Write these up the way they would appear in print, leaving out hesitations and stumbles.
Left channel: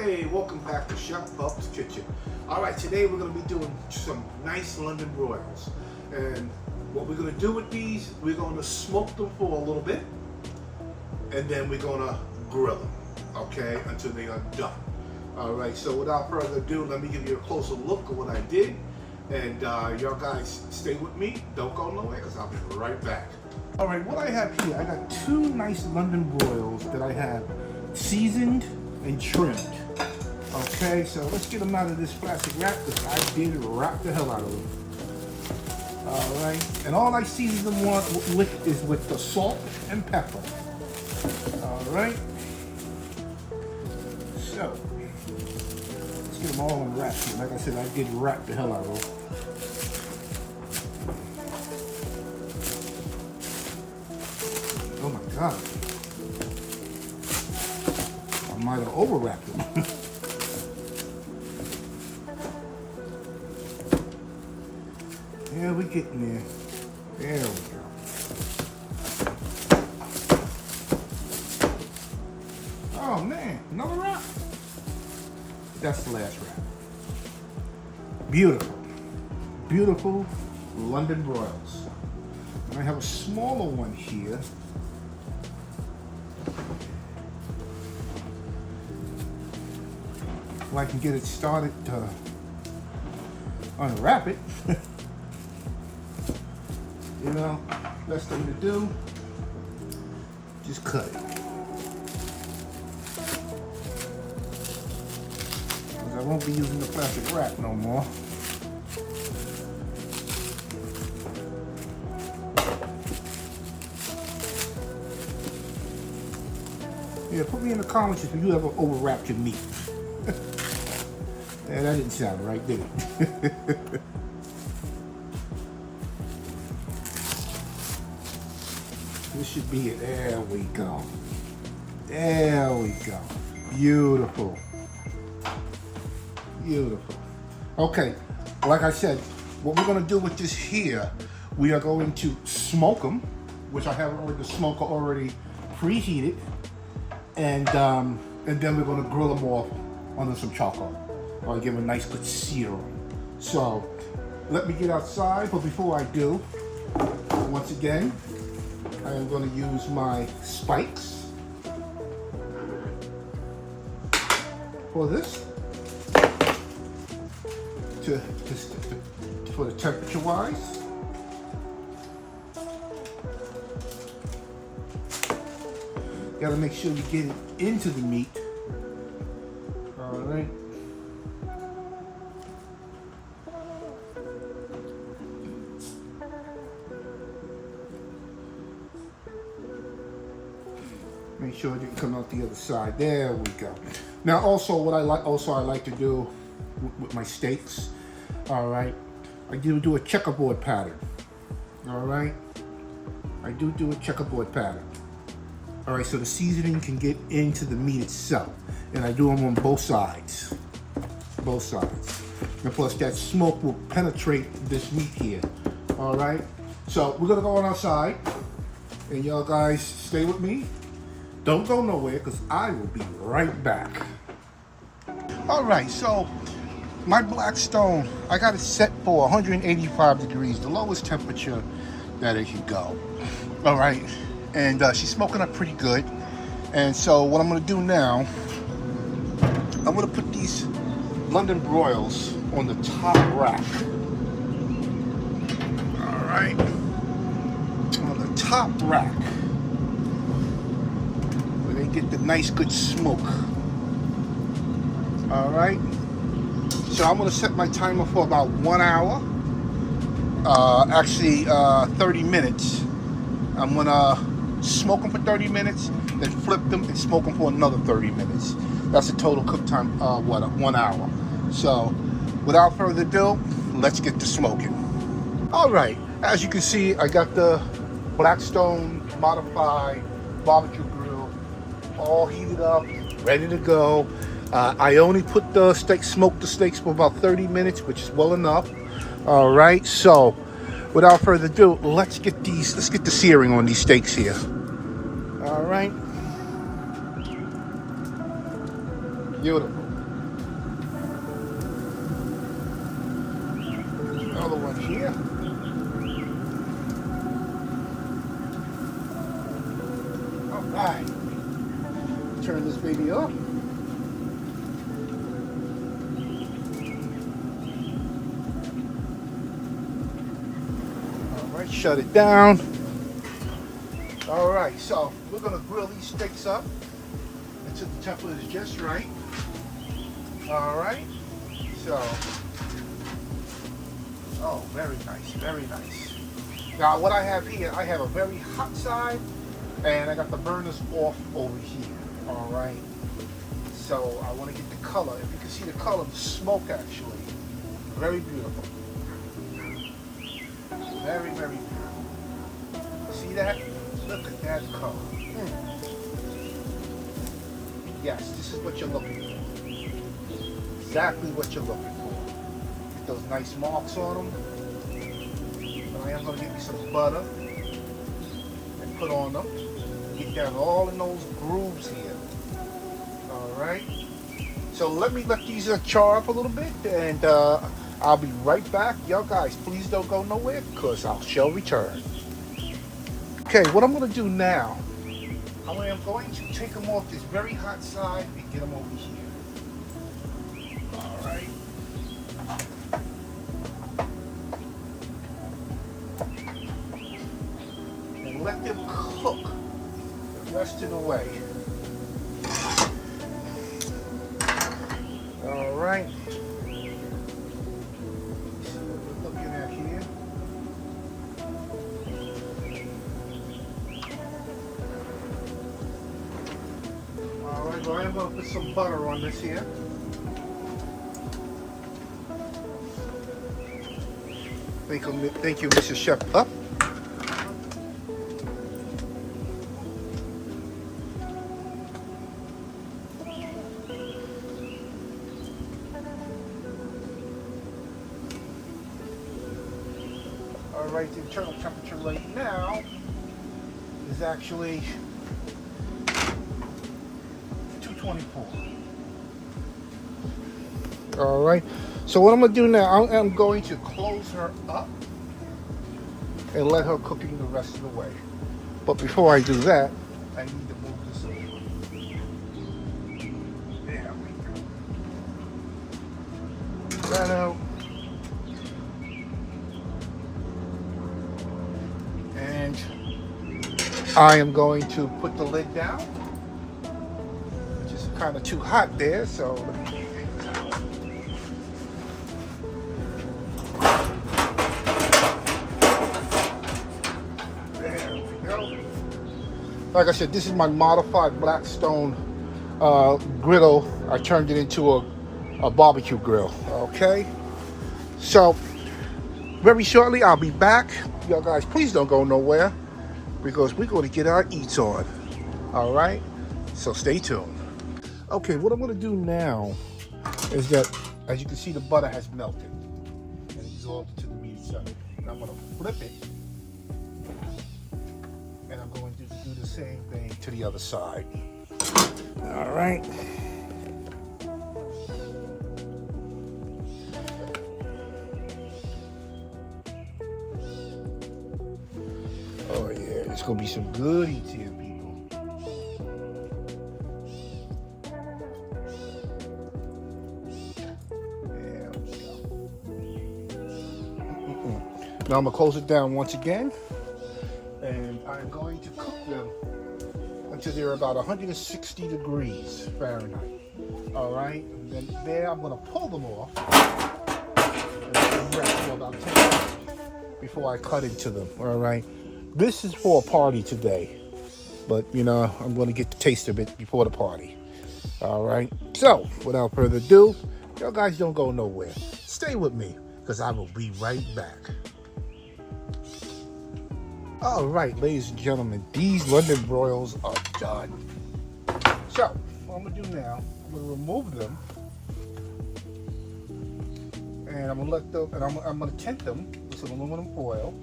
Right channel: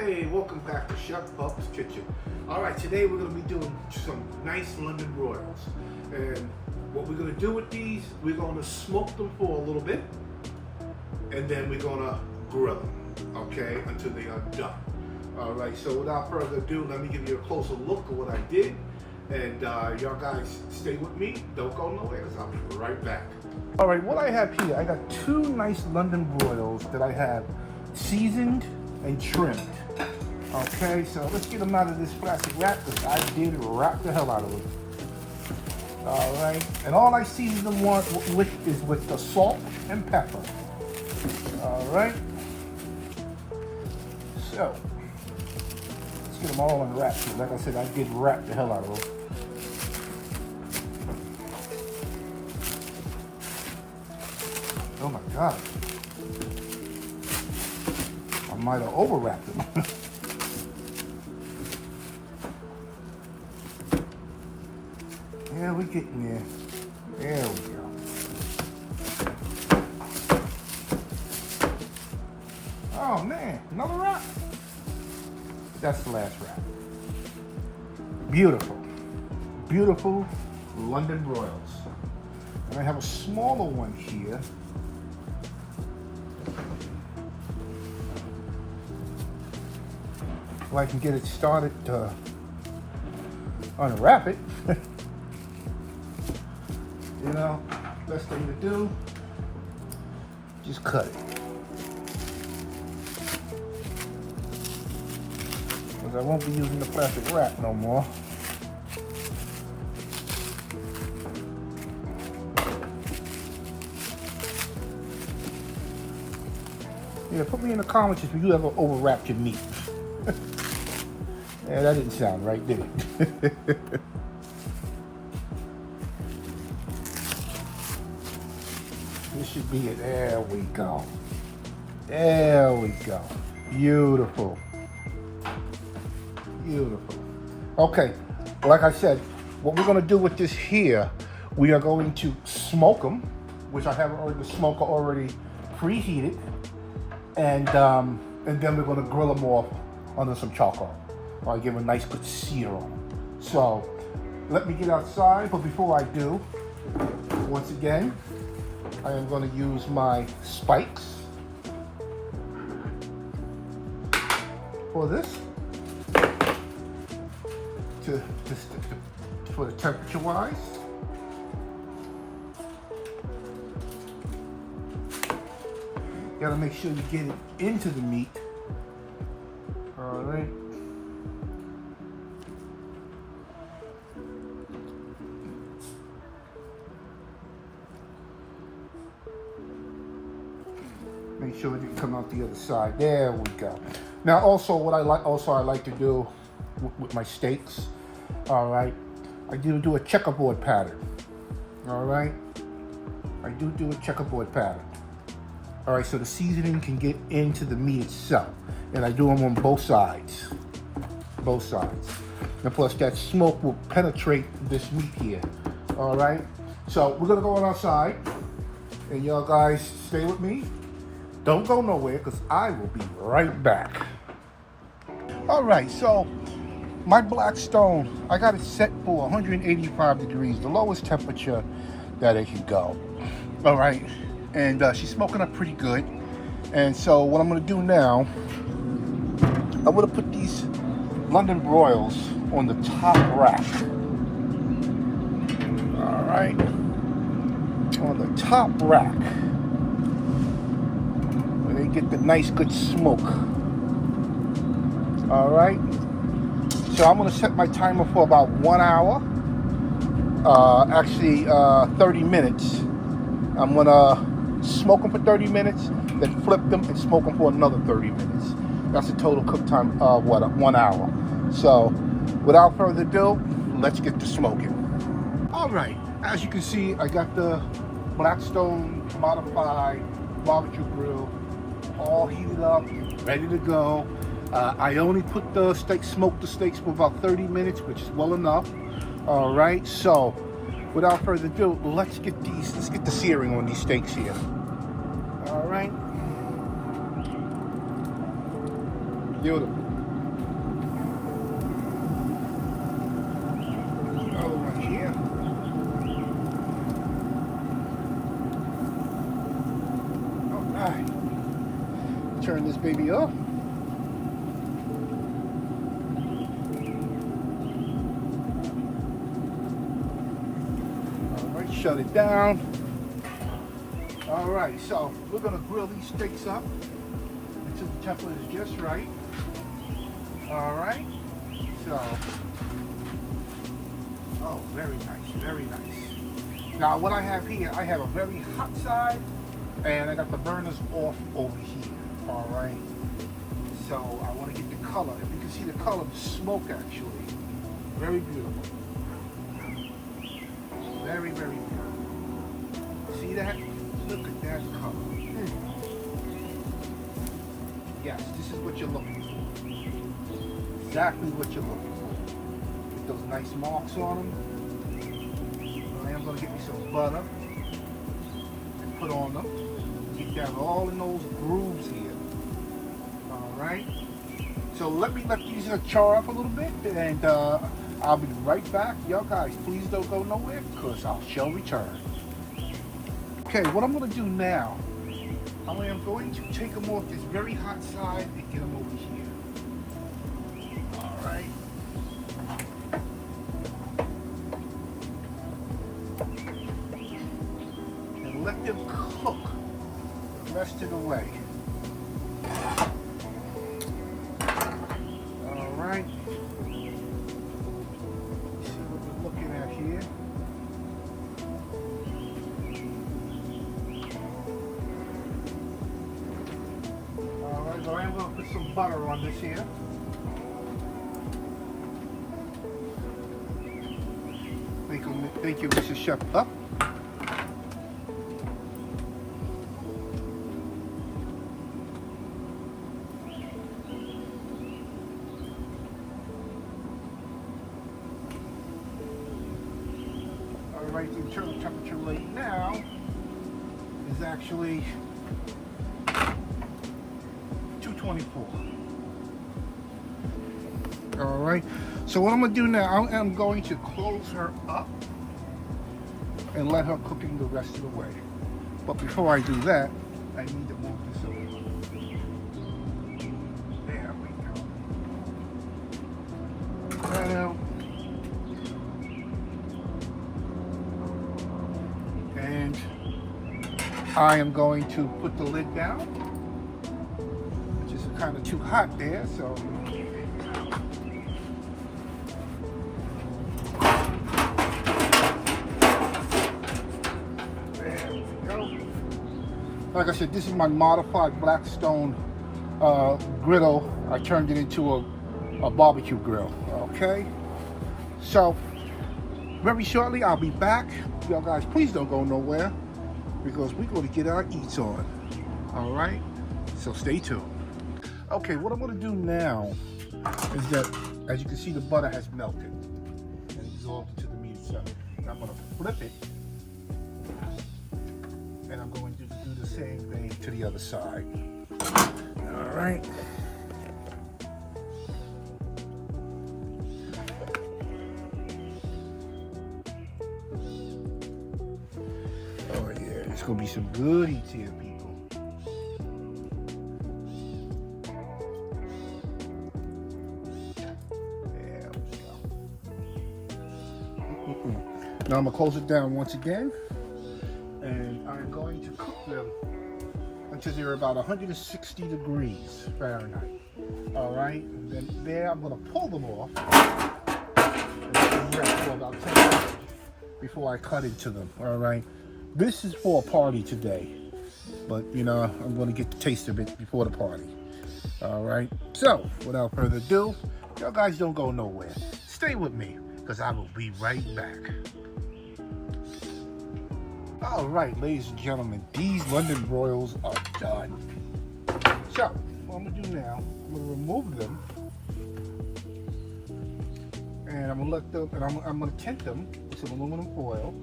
Hey, welcome back to Chef Bub's Kitchen. All right, today we're going to be doing some nice London broils. And what we're going to do with these, we're going to smoke them for a little bit. And then we're going to grill them, okay, until they are done. All right, so without further ado, let me give you a closer look at what I did. And y'all guys stay with me. Don't go nowhere because I'll be right back. All right, what I have here, I got two nice London broils that I have seasoned and trimmed. Okay, so let's get them out of this plastic wrap because I did wrap the hell out of them. All right, and all I season them with is with the salt and pepper. All right, so let's get them all unwrapped. Like I said, I did wrap the hell out of them. Oh my God. I might have overwrapped them. Yeah, we're getting there. There we go. Oh man, another wrap. That's the last wrap. Beautiful. Beautiful London broils. And I have a smaller one here. So I can get it started to unwrap it. You know, best thing to do, just cut it. Because I won't be using the plastic wrap no more. Yeah, put me in the comments if you ever overwrapped your meat. Yeah, that didn't sound right, did it? This should be it. There we go. There we go. Beautiful. Beautiful. Okay, like I said, what we're going to do with this here, we are going to smoke them, which I have already, the smoker already preheated, and then we're going to grill them off under some charcoal. I'll give them a nice good sear on. So let me get outside, but before I do, once again, I am going to use my spikes for this, for the temperature wise. You gotta make sure you get it into the meat. All right. Make sure it didn't come out the other side. There we go. Now, also, what I like to do with my steaks. All right, I do a checkerboard pattern. All right, I do a checkerboard pattern. All right, so the seasoning can get into the meat itself, and I do them on both sides. Both sides, and plus that smoke will penetrate this meat here. All right, so we're gonna go on outside, and y'all guys stay with me. Don't go nowhere because I will be right back. All right, so my black stone, I got it set for 185 degrees, the lowest temperature that it can go. All right, and she's smoking up pretty good. And so what I'm gonna do now, I'm gonna put these London broils on the top rack. All right, on the top rack. Get the nice good smoke. All right, so I'm gonna set my timer for about 1 hour, actually 30 minutes. I'm gonna smoke them for 30 minutes, then flip them and smoke them for another 30 minutes. That's a total cook time of what, 1 hour. So without further ado, let's get to smoking. All right, as you can see, I got the Blackstone modified barbecue grill all heated up, ready to go. I only put the smoked the steaks for about 30 minutes, which is well enough. All right, so without further ado, let's get the searing on these steaks here. All right. Beautiful. here. All right. Turn this baby off. All right, shut it down. All right, so we're gonna grill these steaks up until the temperature is just right. All right, so, oh, very nice, very nice. Now what I have here, I have a very hot side, and I got the burners off over here. All right, so I want to get the color. If you can see the color of the smoke, actually, very beautiful, very, very beautiful. See that? Look at that color. Yes, this is what you're looking for. Exactly what you're looking for. Get those nice marks on them. I am going to get me some butter and put on them. Get down all in those grooves here. All right. So let these char up a little bit, and I'll be right back. Y'all guys, please don't go nowhere, because I shall return. Okay, what I'm going to do now, I am going to take them off this very hot side and get them over here. All right. And let them cook the rest of the way. All right. See what we're looking at here. So I'm going to put some butter on this here. Thank you, Mrs. Chef Pup. All right, the internal temperature right now is actually 224. All right, so what I'm going to do now, I'm going to close her up and let her cooking the rest of the way. But before I do that, I need to move this over. There we go. That out. And I am going to put the lid down. Kind of too hot there, so there we go. Like I said, this is my modified Blackstone griddle. I turned it into a barbecue grill. Okay, so very shortly I'll be back. Y'all guys, please don't go nowhere, because we're going to get our eats on. All right, so stay tuned. Okay, what I'm going to do now is that, as you can see, the butter has melted and absorbed into the meat itself. I'm going to flip it, and I'm going to do the same thing to the other side. All right. Oh yeah, it's going to be some good eats here, people. Now I'm going to close it down once again, and I'm going to cook them until they're about 160 degrees Fahrenheit. All right, and then there I'm going to pull them off and let them rest for about 10 minutes before I cut into them. All right, this is for a party today, but you know, I'm going to get the taste of it before the party. All right, so without further ado, you guys don't go nowhere. Stay with me, because I will be right back. All right, ladies and gentlemen, these London broils are done. So, what I'm gonna do now, I'm gonna remove them, and I'm gonna let them, and I'm gonna tint them with some aluminum foil.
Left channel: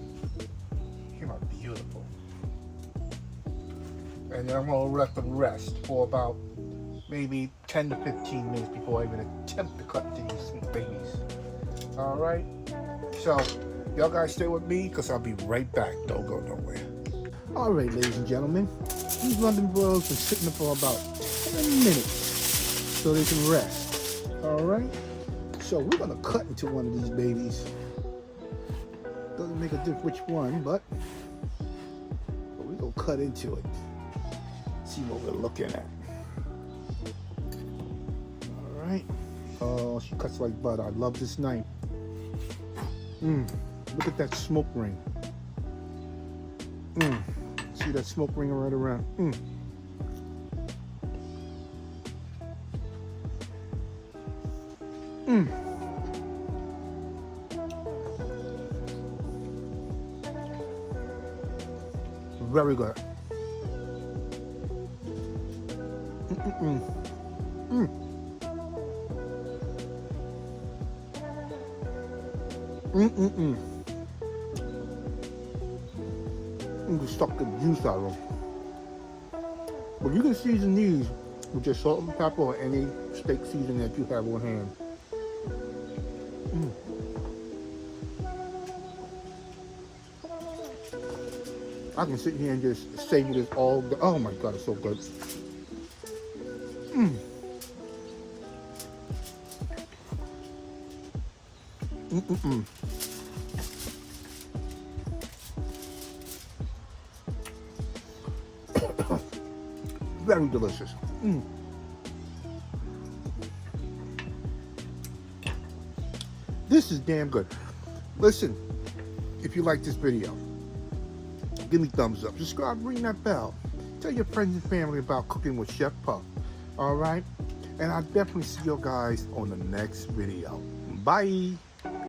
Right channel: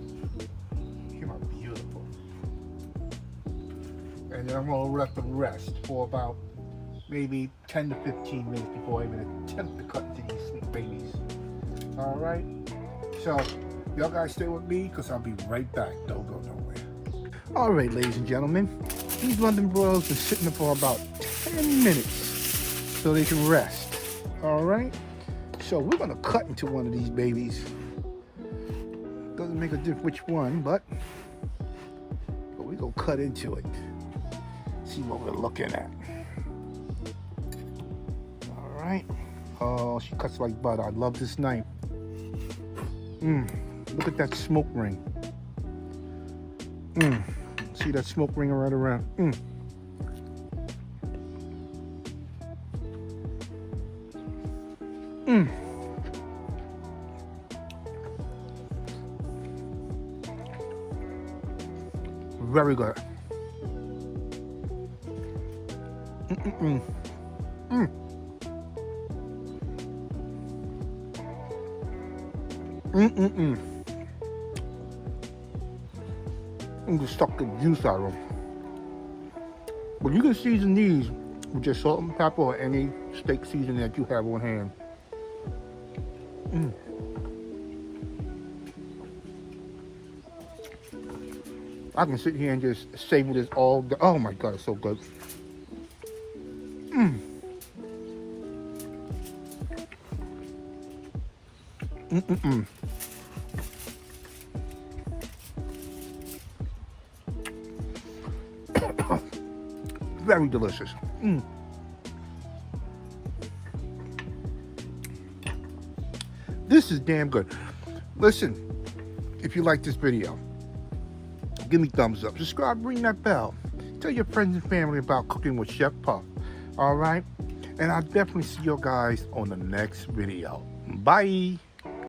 Came out beautiful. And then I'm gonna let them rest for about maybe 10 to 15 minutes before I even attempt to cut into these sweet babies. All right. So Y'all guys stay with me because I'll be right back. Don't go nowhere. All right, ladies and gentlemen, these London broils are sitting for about 10 minutes so they can rest. All right, so we're gonna cut into one of these babies. Doesn't make a difference which one, but we're gonna cut into it. See what we're looking at. All right. Oh, she cuts like butter. I love this knife. Look at that smoke ring. See that smoke ring right around. Very good. Just suck the juice out of them. But you can season these with just salt and pepper or any steak seasoning that you have on hand. I can sit here and just savor this all day. Oh my God, it's so good. Very delicious. This is damn good. Listen, if you like this video, give me thumbs up, subscribe, ring that bell, tell your friends and family about Cooking with Chef Puff. All right, and I'll definitely see you guys on the next video. Bye.